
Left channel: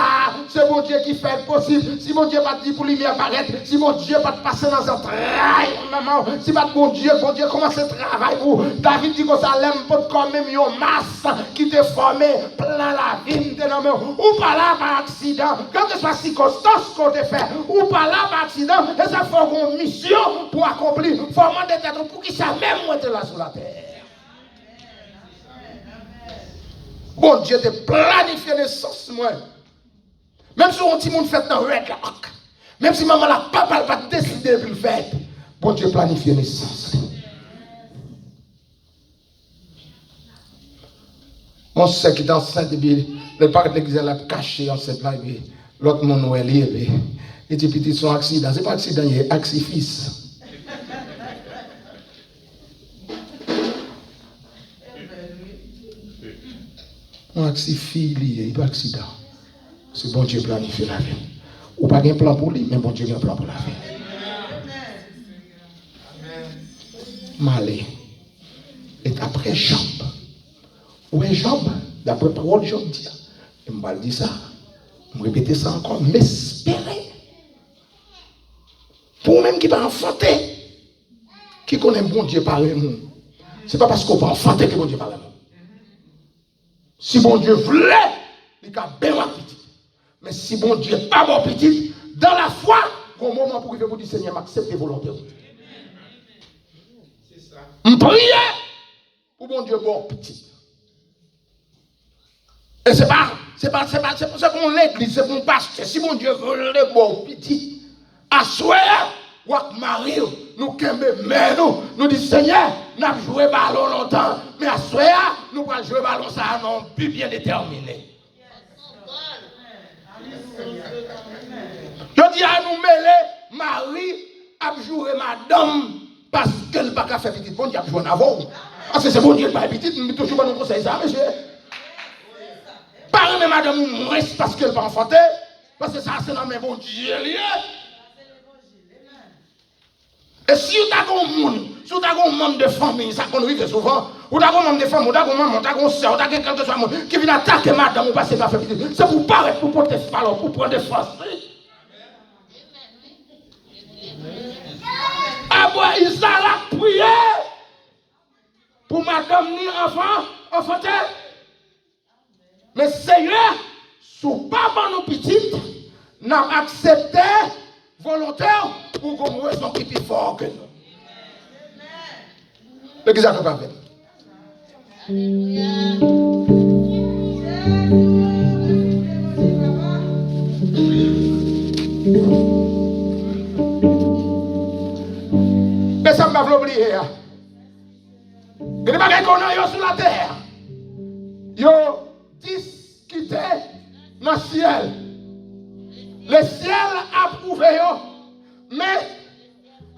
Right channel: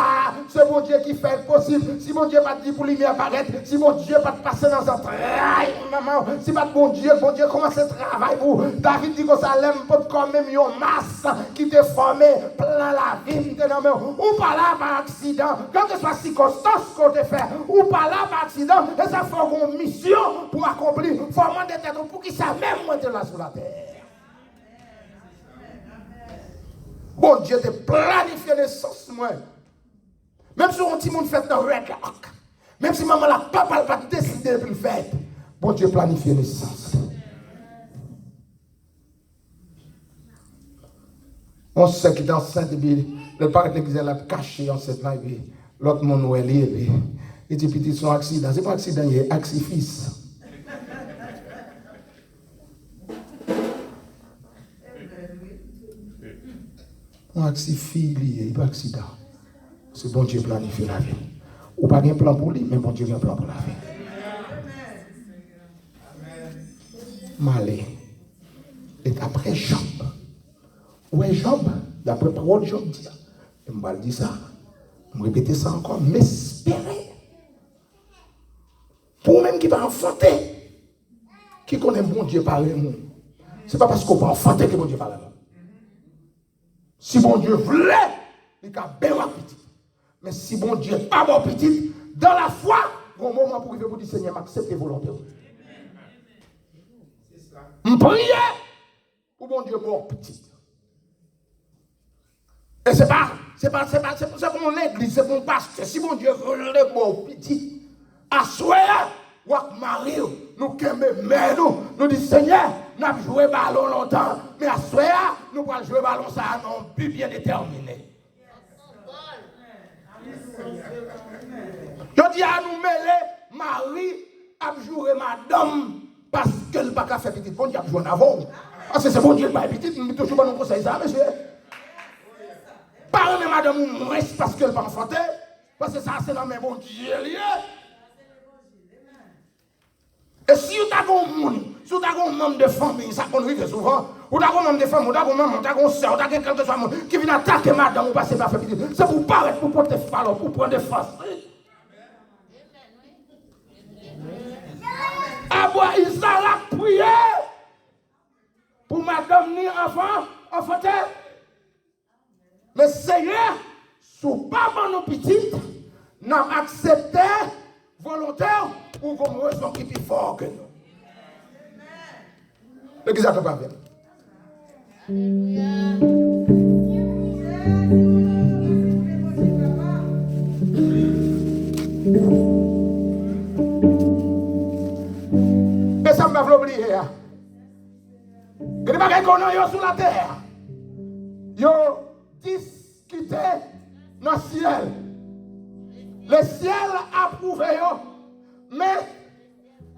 c'est bon Dieu qui fait possible. Si bon Dieu pas dit pour lui apparaître, si bon Dieu pas passer dans un travail, maman, si pas bon Dieu commence le travail pour David dit que ça l'aime pas comme même une masse qui te formé plein la vie, ou pas là par accident, quand que soit circonstance qu'on te fait, ou pas là par accident, et ça fait une mission pour accomplir. Formant des têtes pour qui ça même moi là sur la terre. Bon Dieu te planifié naissance, moi. Même si on dit mon fait dans le regard, même si maman la papa va décider de le faire, bon Dieu planifie naissance. On sait qu'il est enceinte, le parent de l'église l'a caché enceinte là, l'autre monde est lié, Et tu petit son accident. C'est pas accident, il est accident. Un accident, il pas accident. C'est bon Dieu planifie la vie. Ou pas un plan pour lui, mais bon Dieu a un plan pour la vie. Malé. Et après Job. Où est Job? D'après parole, Job dit. Je me dis ça. Je répéter ça encore. M'espérer. Pour même qui va enfanter. Qui connaît bon Dieu par le monde. Ce n'est pas parce qu'on va enfanter que bon Dieu par le monde. Si bon Dieu voulait, il a bien petit. Mais si bon Dieu n'est pas bon petit, dans la foi, il y a un moment pour vous dire Seigneur, m'accepte volonté. Je prie pour bon Dieu bon petit. Et c'est pas pour l'église, c'est pour le pasteur. Si mon Dieu veut le bon petit, à soir, ou à Marie, nous nous disons Seigneur, nous avons joué ballon longtemps, mais à soir, nous allons jouer ballon ça non plus bien déterminé. Je dis à nous mêler, Marie a joué madame parce qu'elle n'a pas fait petit. Bon Dieu a joué en avant. Parce que c'est bon Dieu qui n'a pas petit, nous toujours pas nous conseiller ça, monsieur. Pas une madame moins parce qu'elle va enfanter, parce que ça c'est dans mes bon Dieu. Et si vous avez un monde, si vous avez un membre de famille, ça qu'on arrive souvent, vous avez un membre de famille, vous avez un maman, vous avez un soeur, vous avez quelque chose qui vient attaquer madame, vous passez par faire petit. C'est pour paraître, pour porter falloir, pour prendre des forces. Ah bon, il s'est prié pour madame ni enfant, enfanter. Mais Seigneur, sous pas mon petite, n'a accepté volontaire pour qu'on raison qui est plus fort que nous. L'église a fait pas bien. Mais ça ne m'a pas oublié. Il n'y a pas qu'on sur la terre. Yo discuter dans le ciel. Le ciel a prouvé, mais,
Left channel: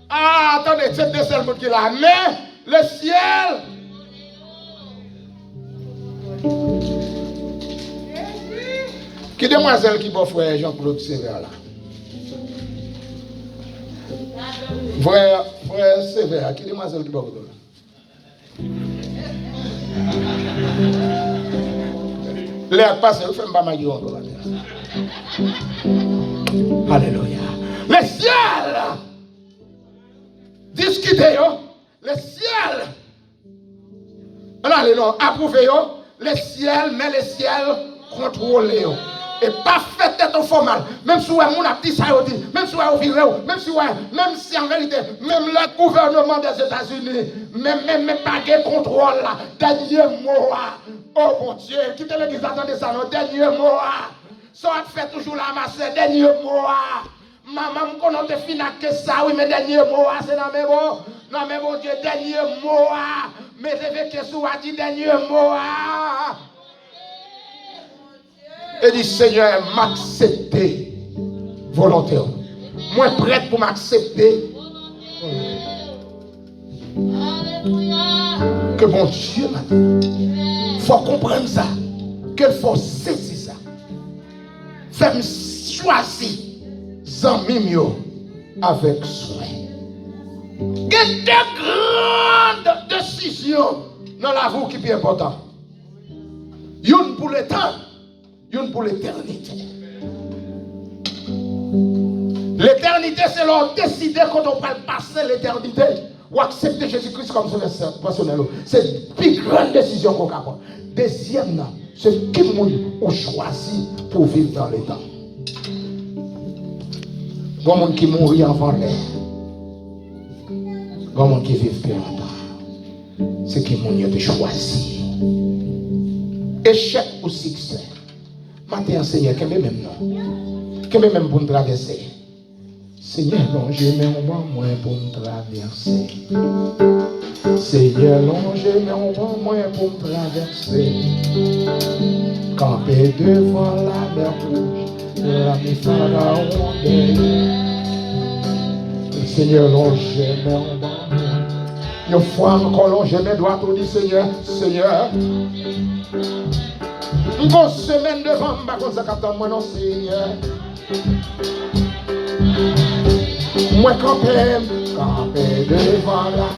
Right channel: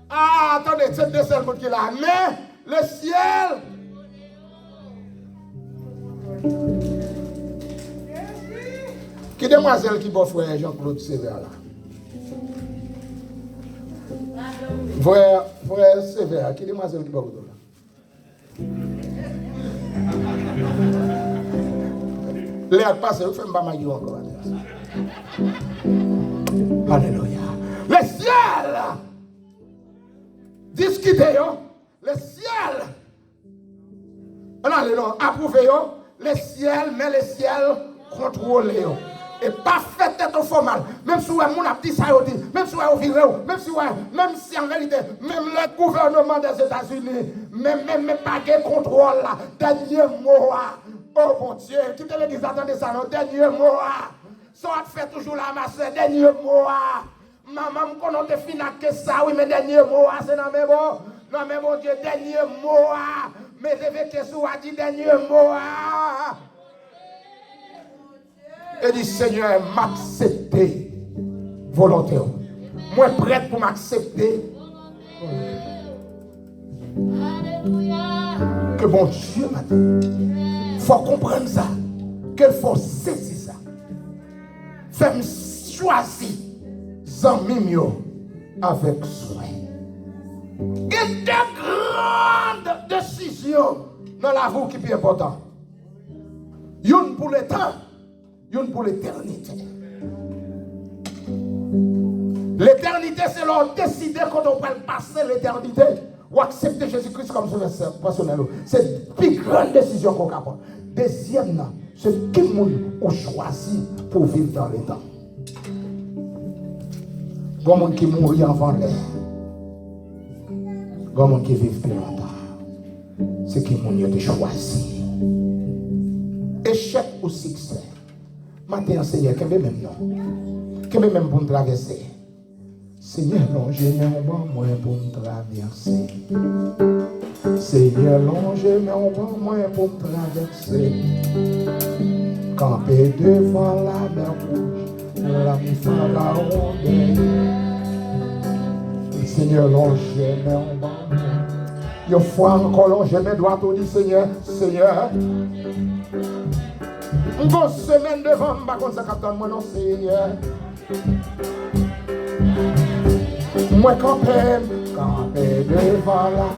attendez, c'est deux seuls mots qui là, mais le ciel, qui demoiselle qui va frère Jean-Claude Sévère là? Frère Sévère, qui demoiselle qui va vous donner? L'air passé, vous faites pas mal encore. Alléluia. Le ciel discutez, le ciel approuvé, le ciel, mais le ciel contrôlé. Et pas fait d'être formal. Même si on a dit ça, même si on a viré, même si en réalité, même le gouvernement des États-Unis, même pas de contrôle là, dernier mot. Oh mon Dieu, qui te l'église attendez ça, non, dernier mot. Ça fait toujours la masse, dernier mot. Maman, quand on te finit que ça, oui, mais dernier mot, c'est dans mes mots. Non, mais mon Dieu, dernier mot. Mais je veux que ça dit dernier mot. Et dit, Seigneur, m'accepter volontaire. Moi, prête pour m'accepter. Que bon Dieu m'a dit. Il faut comprendre ça. Qu'il faut saisir ça. Fais-moi choisir Zamimio avec soin. Il y a de grandes décisions dans la vie qui est importante. Une pour le temps. Une pour l'éternité. L'éternité, c'est leur décider quand on va passer l'éternité ou accepter Jésus-Christ comme son personnel. C'est la plus grande décision qu'on a. Deuxième, c'est qui nous choisi pour vivre dans le temps. Il y a des gens qui mourent avant l'air. Il y a des gens qui vivent plus longtemps. C'est qui nous choisi. Échec ou succès. Matin, Seigneur, qu'est-ce que même non? Qu'est-ce que même pour traverser? Seigneur, longe moi pour traverser. Seigneur, longe moi pour traverser. Camper devant la mer rouge, L'ami Pharaon le Seigneur longe mes mains. Une fois encore longe mes doigts pour dire Seigneur, Seigneur. Une grosse semaine devant moi comme ça qu'attend moi non Seigneur. Moi campé devant la